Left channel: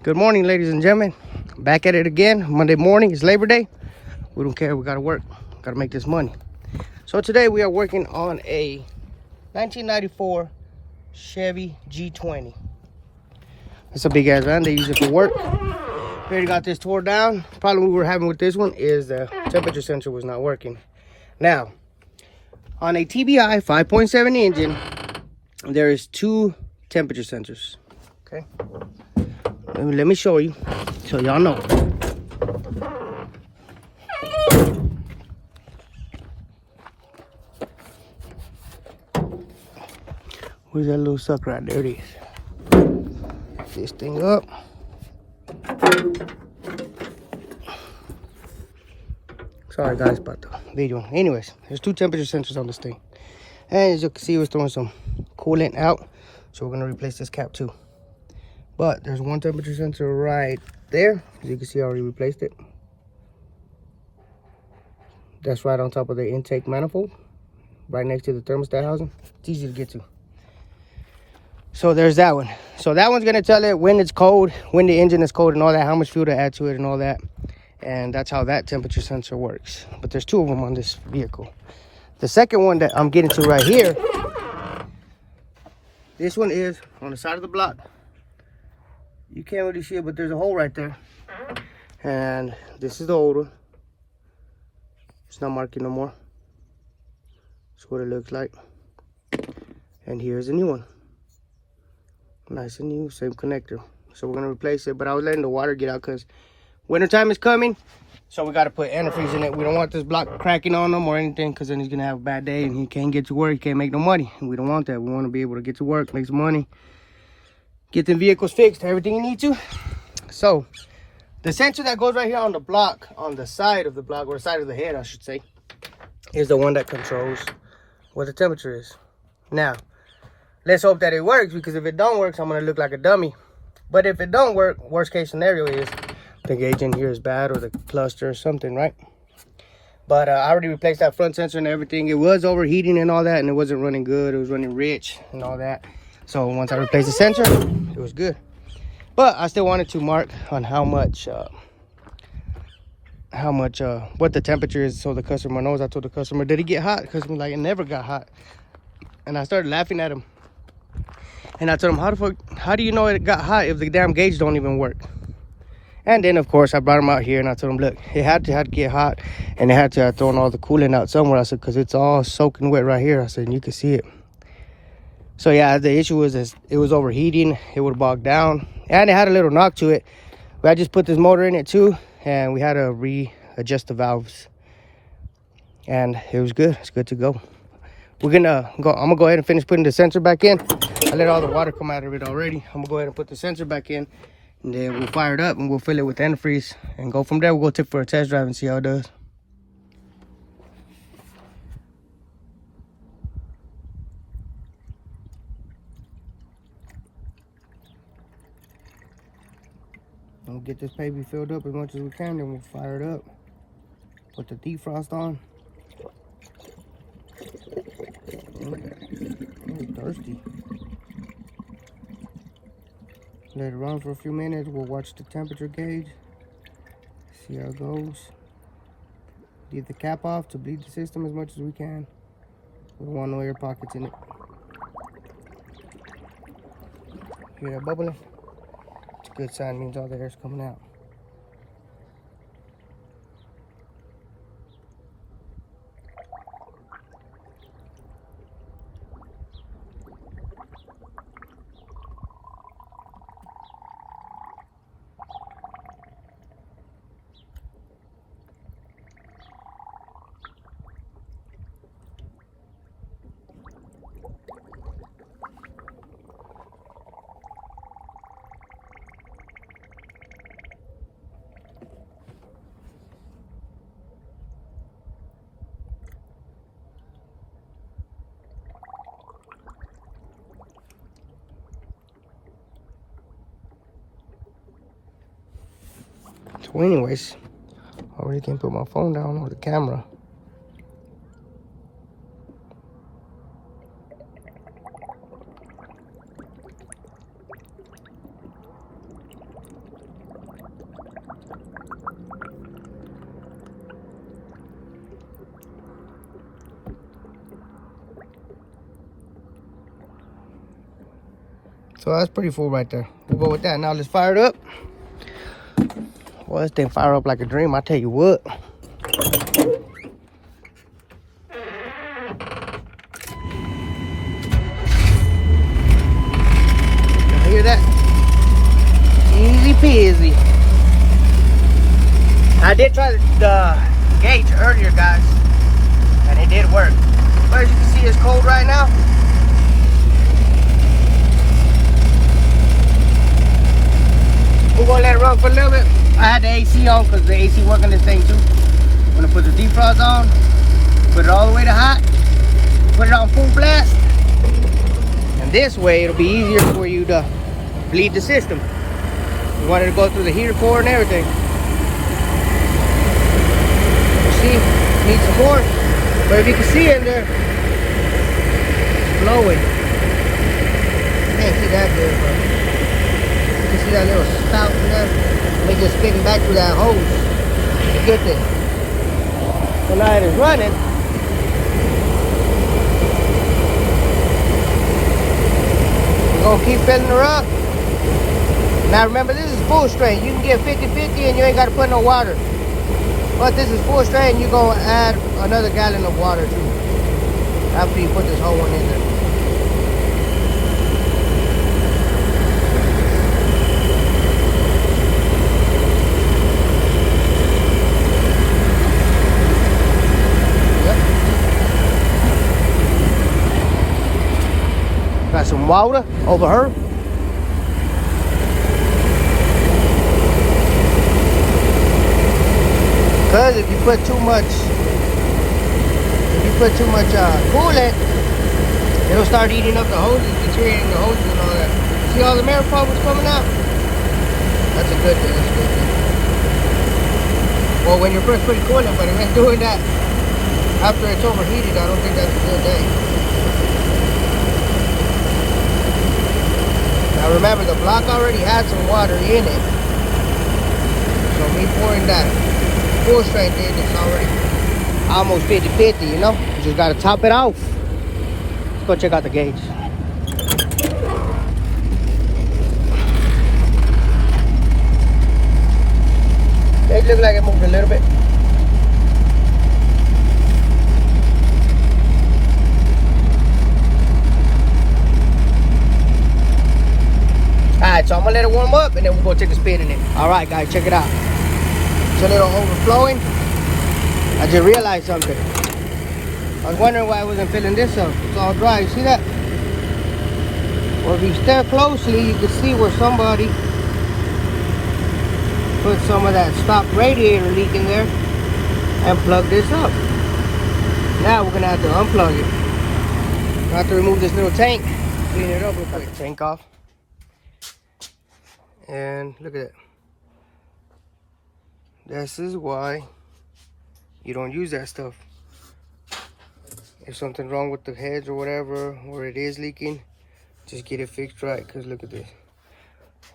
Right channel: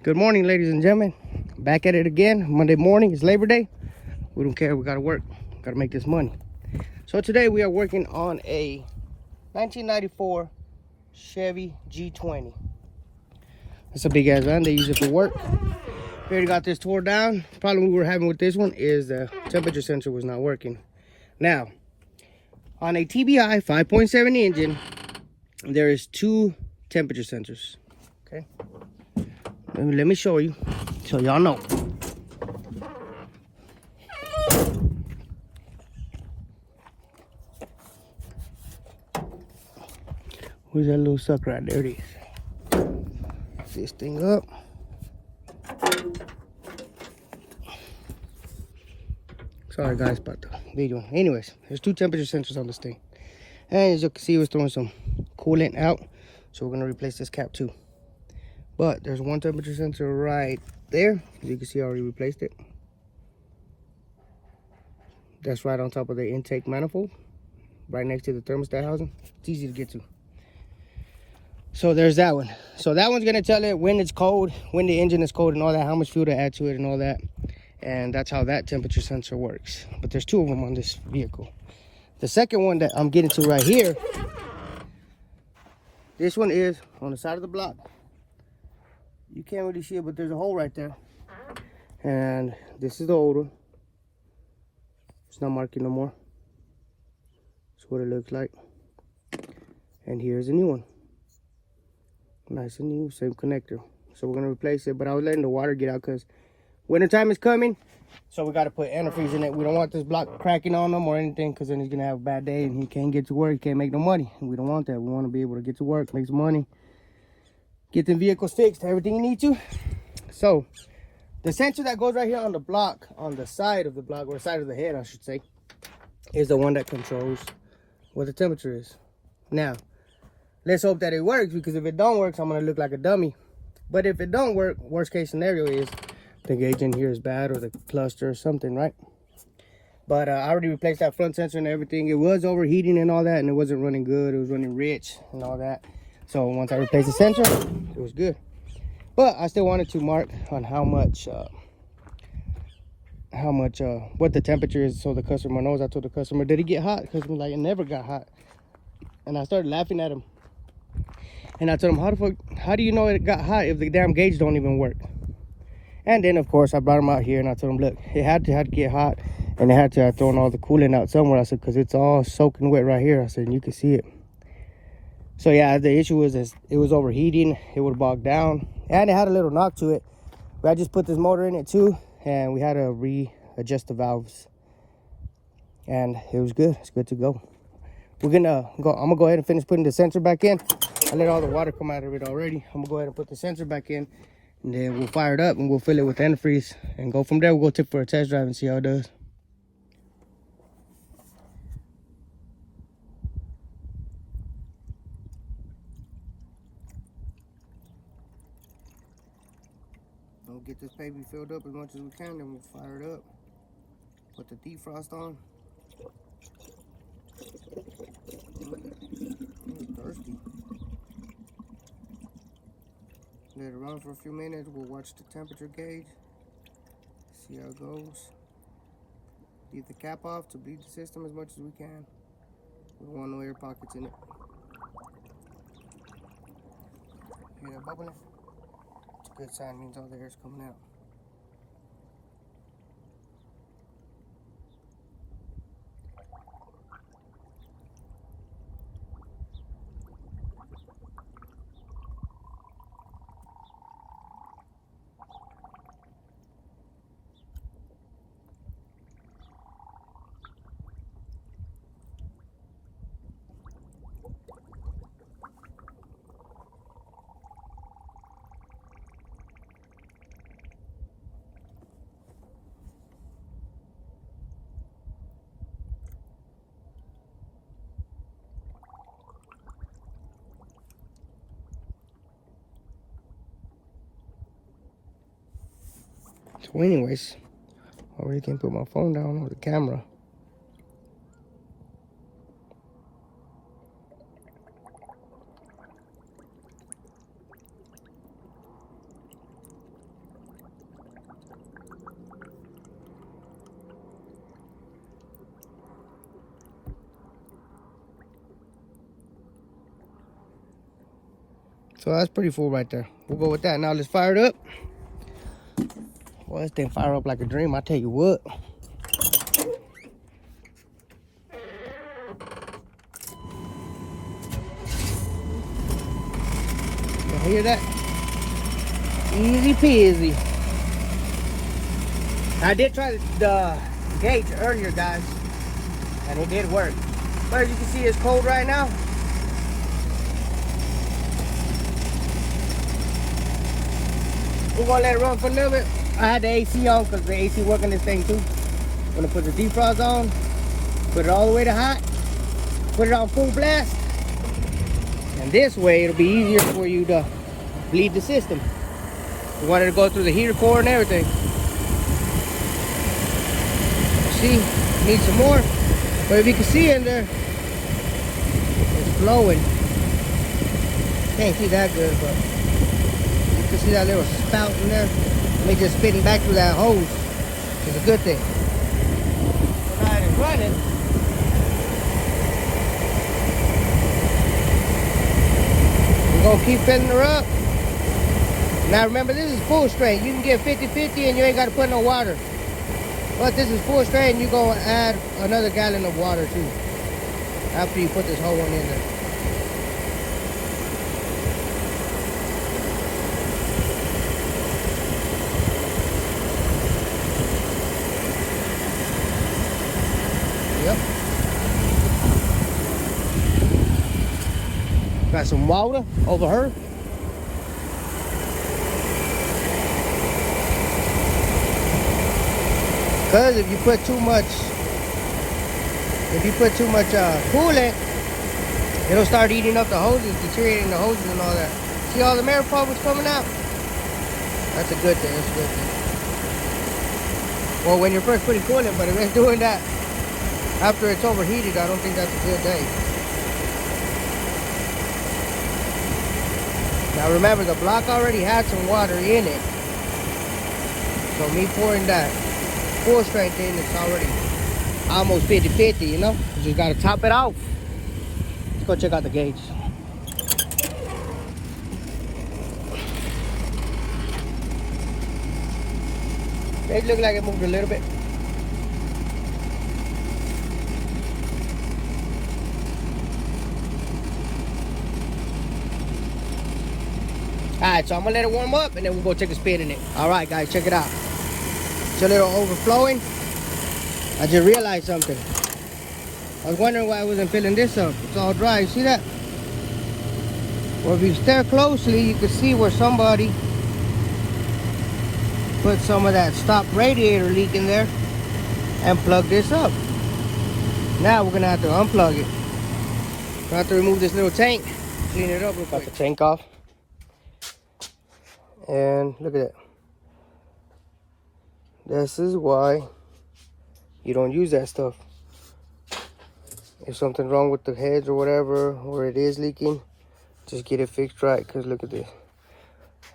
Good morning, ladies and gentlemen. Back at it again. Monday morning. It's Labor Day. We don't care. We got to work. Got to make this money. So today we are working on a 1994 Chevy G20. It's a big ass van. They use it for work. We already got this tore down. Problem we were having with this one is the temperature sensor was not working. Now, on a TBI 5.7 engine, there is two temperature sensors. Okay. Let me show you so y'all know. Where's that little sucker at? There it is. This thing up. Sorry guys about the video. Anyways, there's two temperature sensors on this thing. And as you can see, we're throwing some coolant out. So we're gonna replace this cap too. But there's one temperature sensor right there. As you can see, I already replaced it. That's right on top of the intake manifold, right next to the thermostat housing. It's easy to get to. So there's that one. So that one's gonna tell it when it's cold, when the engine is cold and all that, how much fuel to add to it and all that. And that's how that temperature sensor works. But there's two of them on this vehicle. The second one that I'm getting to right here, this one is on the side of the block. You can't really see it, but there's a hole right there. And this is the old one. It's not marking no more. That's what it looks like. And here's a new one. Nice and new, same connector. So we're gonna replace it, but I was letting the water get out because wintertime is coming. So we gotta put antifreeze in it. We don't want this block cracking on them or anything, because then he's gonna have a bad day and he can't get to work, he can't make no money. And we don't want that. We wanna be able to get to work, make some money, get the vehicles fixed, everything you need to. So the sensor that goes right here on the block, on the side of the block, or side of the head I should say, is the one that controls what the temperature is. Now, let's hope that it works, because if it don't work, I'm gonna look like a dummy. But if it don't work, worst case scenario is the gauge in here is bad, or the cluster or something, right? But I already replaced that front sensor and everything. It was overheating and all that, and it wasn't running good. It was running rich and all that. So once I replaced the sensor, it was good. But I still wanted to mark on what the temperature is, so the customer knows. I told the customer, did it get hot? The customer like, it never got hot. And I started laughing at him. And I told him, how do you know it got hot if the damn gauge don't even work? And then, of course, I brought him out here and I told him, look, it had to get hot, and it had to have thrown all the coolant out somewhere. I said, because it's all soaking wet right here. I said, and you can see it. So, yeah, the issue was it was overheating. It would bog down. And it had a little knock to it. But I just put this motor in it, too, and we had to readjust the valves. And it was good. It's good to go. I'm gonna go ahead and finish putting the sensor back in. I let all the water come out of it already. I'm gonna go ahead and put the sensor back in, and then we'll fire it up and we'll fill it with antifreeze and go from there. We'll go take for a test drive and see how it does. We'll get this baby filled up as much as we can, then we'll fire it up. Put the defrost on. Thirsty. Let it run for a few minutes. We'll watch the temperature gauge, see how it goes. Leave the cap off to bleed the system as much as we can. We don't want no air pockets in it. Hear that bubbling? It's a good sign, means all the air's coming out. So anyways, I already can put my phone down or the camera. So that's pretty full right there. We'll go with that. Now let's fire it up. Well, this thing fire up like a dream, I tell you what. You hear that? Easy peasy. I did try the gauge earlier, guys, and it did work. But as you can see, it's cold right now. We're gonna let it run for a little bit. I had the AC on because the AC working this thing too. I'm gonna put the defrost on, put it all the way to hot, put it on full blast, and this way it'll be easier for you to bleed the system. You want it to go through the heater core and everything. See, need some more, but if you can see in there, it's blowing. Can't see that good, but you see that little spout in there? They just spitting back through that hose. It's a good thing. So now it is running. We're gonna keep filling her up. Now remember, this is full straight. You can get 50-50 and you ain't gotta put no water. But this is full straight and you're gonna add another gallon of water too after you put this whole one in there. Got some water over her. Because if you put too much coolant, it'll start eating up the hoses, deteriorating the hoses and all that. See all the manifolds coming out? That's a good thing. That's a good thing. Well, when you're first putting coolant, but if it's doing that after it's overheated, I don't think that's a good thing. Now remember, the block already had some water in it. So me pouring that full strength in, it's already almost 50-50, you know? You just gotta top it off. Let's go check out the gauge. Gauge look like it moved a little bit. Alright, so I'm gonna let it warm up and then we'll go take a spit in it. Alright guys, check it out. It's a little overflowing. I just realized something. I was wondering why I wasn't filling this up. It's all dry, see that? Well, if you stare closely, you can see where somebody put some of that stock radiator leak in there and plug this up. Now we're gonna have to unplug it. We're gonna have to remove this little tank, clean it up real quick. Got the tank off. And look at that. This is why you don't use that stuff. If something's wrong with the heads or whatever, or it is leaking, just get it fixed right, because look at this.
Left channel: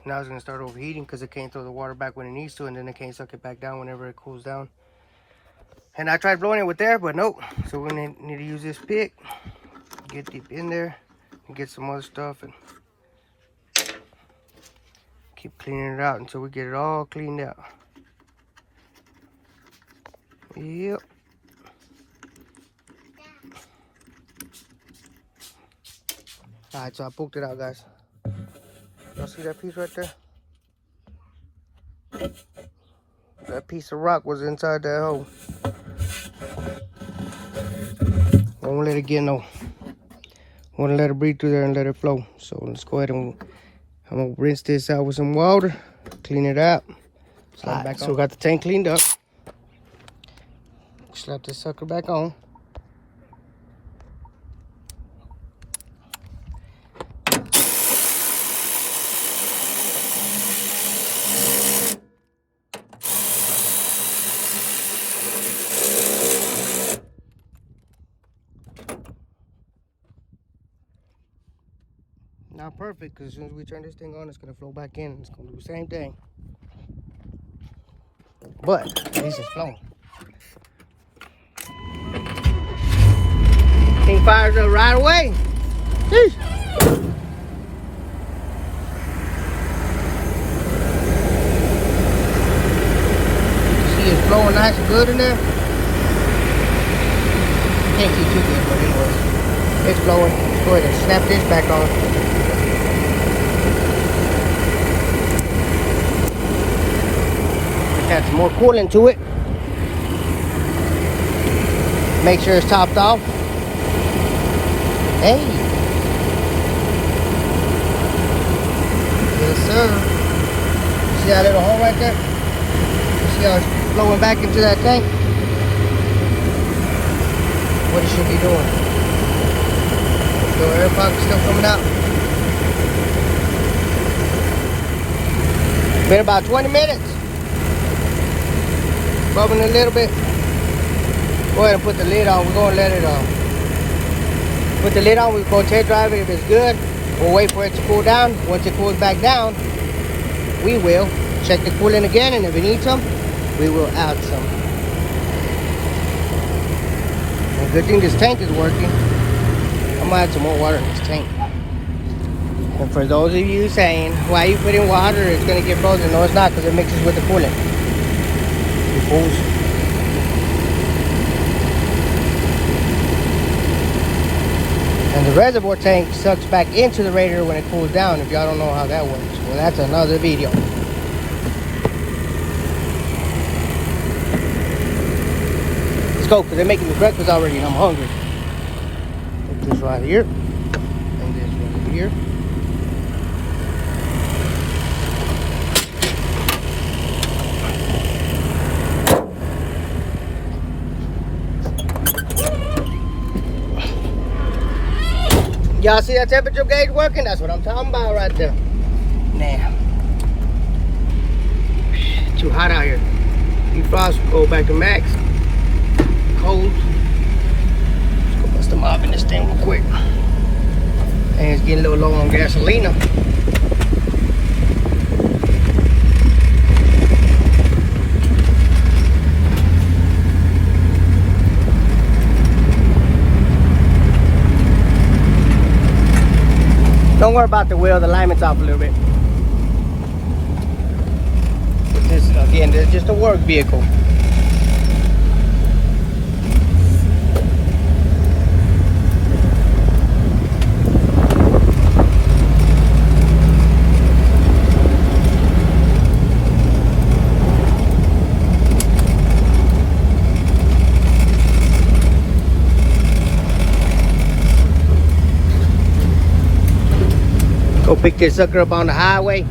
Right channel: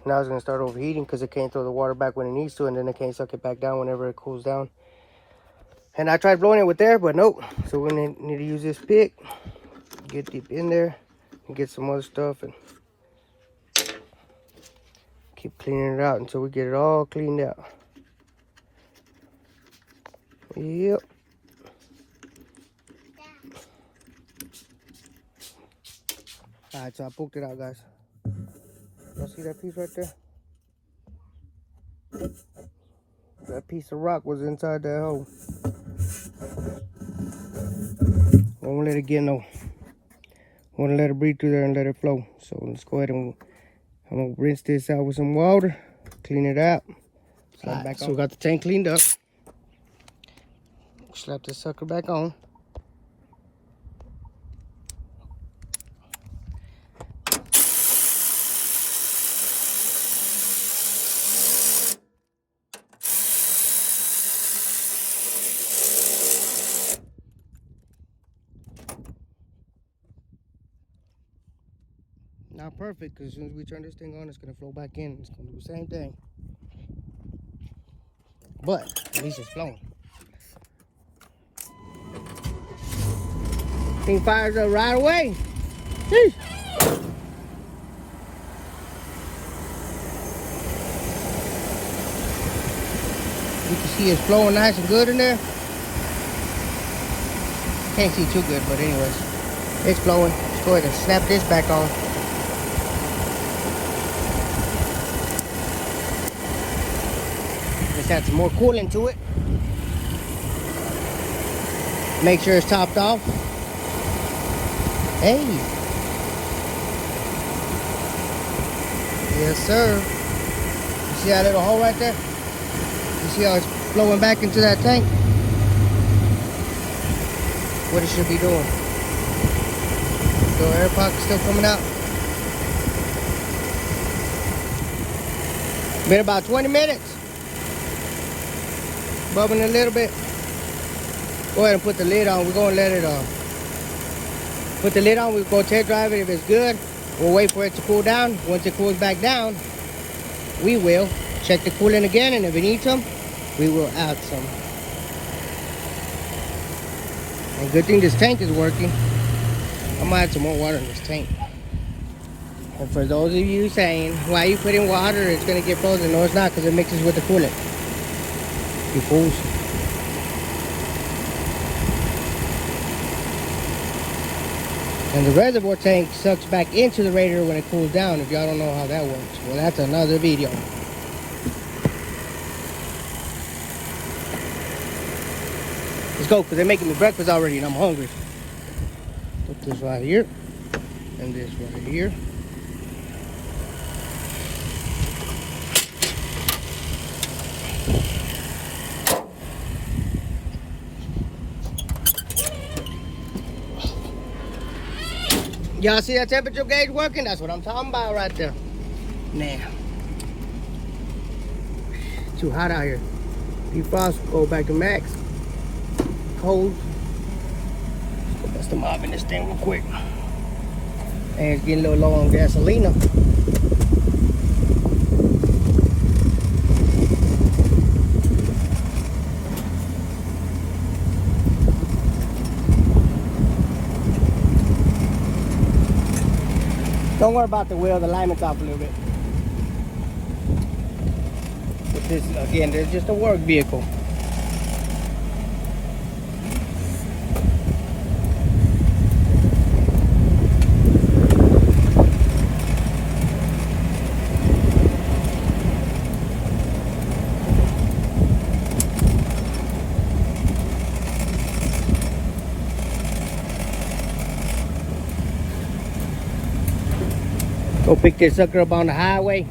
Now it's going to start overheating because it can't throw the water back when it needs to, and then it can't suck it back down whenever it cools down. And I tried blowing it with there, but nope. So we're going to need to use this pick, get deep in there, and get some other stuff, and keep cleaning it out until we get it all cleaned out. Yep. Alright, so I pooped it out, guys. Y'all see that piece right there? That piece of rock was inside that hole. Don't let it get no. I want to let it breathe through there and let it flow. So let's go ahead and I'm gonna rinse this out with some water, clean it out. Slap it back on. So we got the tank cleaned up. Slap this sucker back on. Not perfect, because as soon as we turn this thing on, it's going to flow back in. It's going to do the same thing. But at least it's flowing. Thing fires up right away. Sheesh. blowing nice and good in there. Can't see too good, but anyway, it's blowing. Let's go ahead and snap this back on. Just add some more coolant to it. Make sure it's topped off. Hey. Yes, sir. See that little hole right there? See how it's flowing back into that tank? What it should be doing. So air pocket's still coming out. Been about 20 minutes. Bubbling a little bit. Go ahead and put the lid on. We're going to let it put the lid on. We're going to test drive it. If it's good, we'll wait for it to cool down. Once it cools back down, we will check the coolant again, and if we need some, we will add some. And good thing this tank is working. I'm gonna add some more water in this tank. And for those of you saying, why you put in water, it's gonna get frozen. No, it's not, because it mixes with the coolant. You fools. And the reservoir tank sucks back into the radiator when it cools down, if y'all don't know how that works. Well, that's another video. Let's go, because they're making me breakfast already and I'm hungry. Put this right here. And this right here. Y'all see that temperature gauge working? That's what I'm talking about right there. Man. Too hot out here. Defrost, go back to max. Cold. Let's go bust them off in this thing real quick. And it's getting a little low on gasolina. Don't worry about the wheel, the alignment's off a little bit. This, again, this is just a work vehicle. Go pick this sucker up on the highway.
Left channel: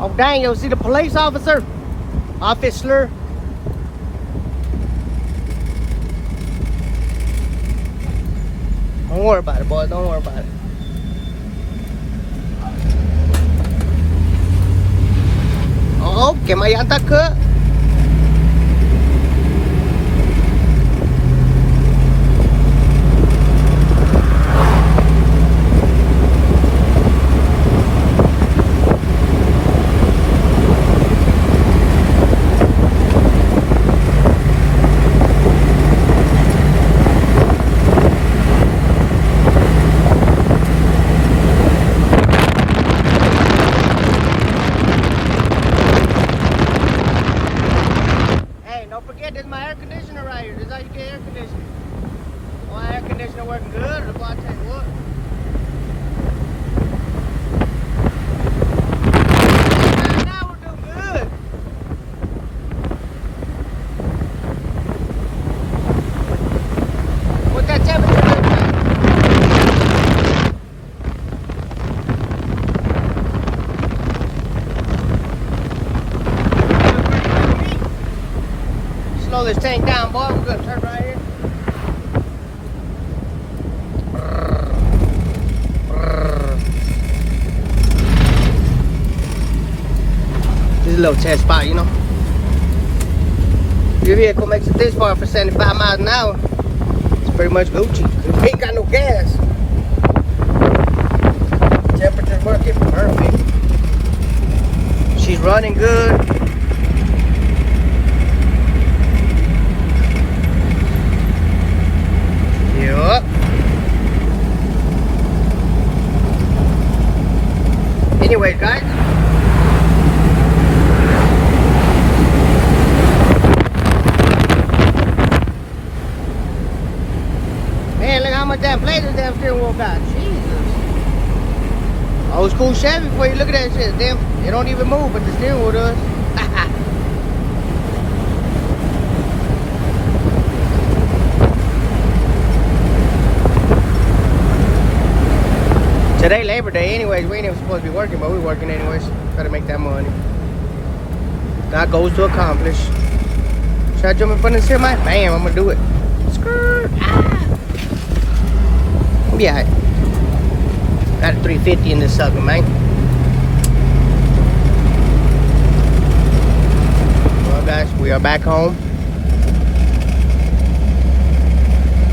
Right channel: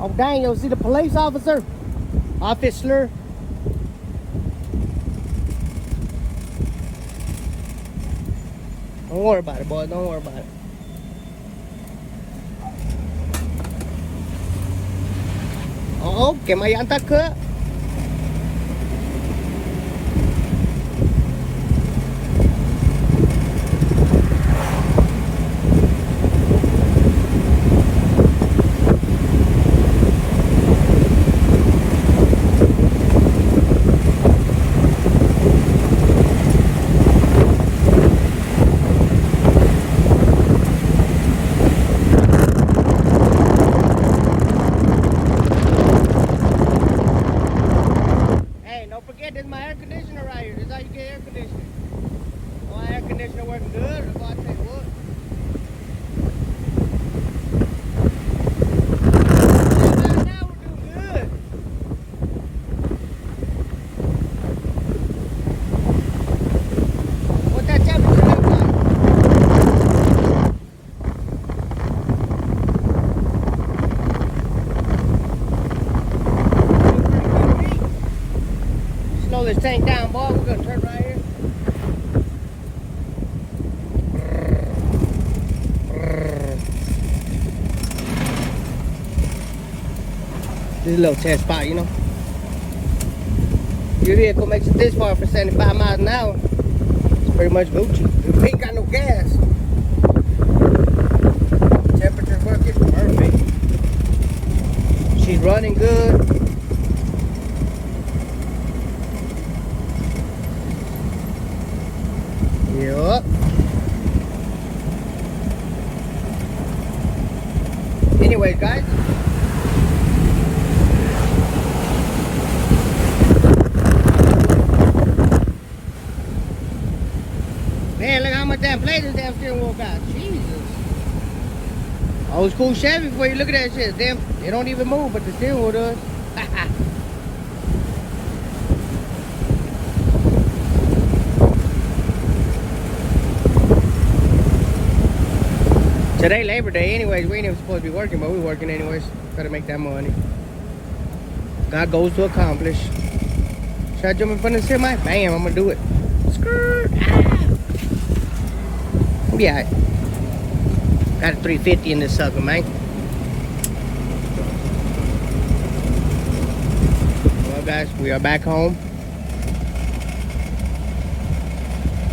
Oh dang, you see the police officer? Officer. Don't worry about it, boys. Don't worry about it. Oh, que may llanta ke. This is my air conditioner right here. This is how you get air conditioning. My air conditioner working good, or what I tell you what. Now we're doing good. What's that temperature? Slow this tank down, boy. We're gonna turn right here. This is a little test spot, you know. Your vehicle makes it this far for 75 miles an hour. It's pretty much Gucci. We ain't got no gas. Temperature's working perfect. She's running good. Old school Chevy for you. Look at that shit. Damn, it don't even move, but the steering wheel does. Today Labor Day anyways. We ain't even supposed to be working, but we're working anyways. Gotta make that money. Got goals to accomplish. Should I jump in front of the semi? Bam, I'm gonna do it. Skirt. Ah. Yeah. Got a 350 in this sucker, man. Well, guys, we are back home.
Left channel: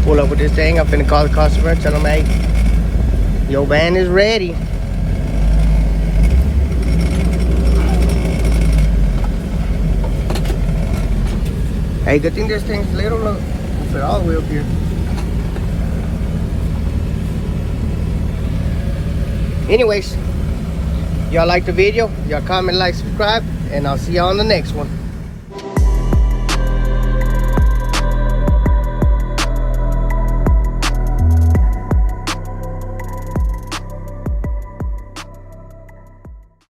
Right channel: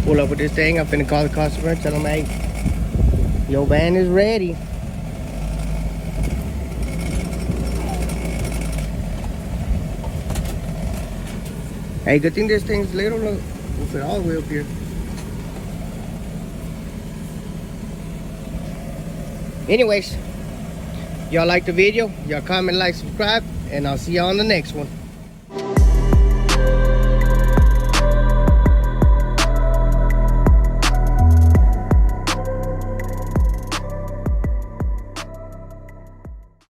Pull up with this thing. I'm finna call the customer. Tell them, hey, your van is ready. Hey, good thing this thing's little. Look, we'll fit all the way up here. Anyways, y'all like the video, y'all comment, like, subscribe, and I'll see y'all on the next one.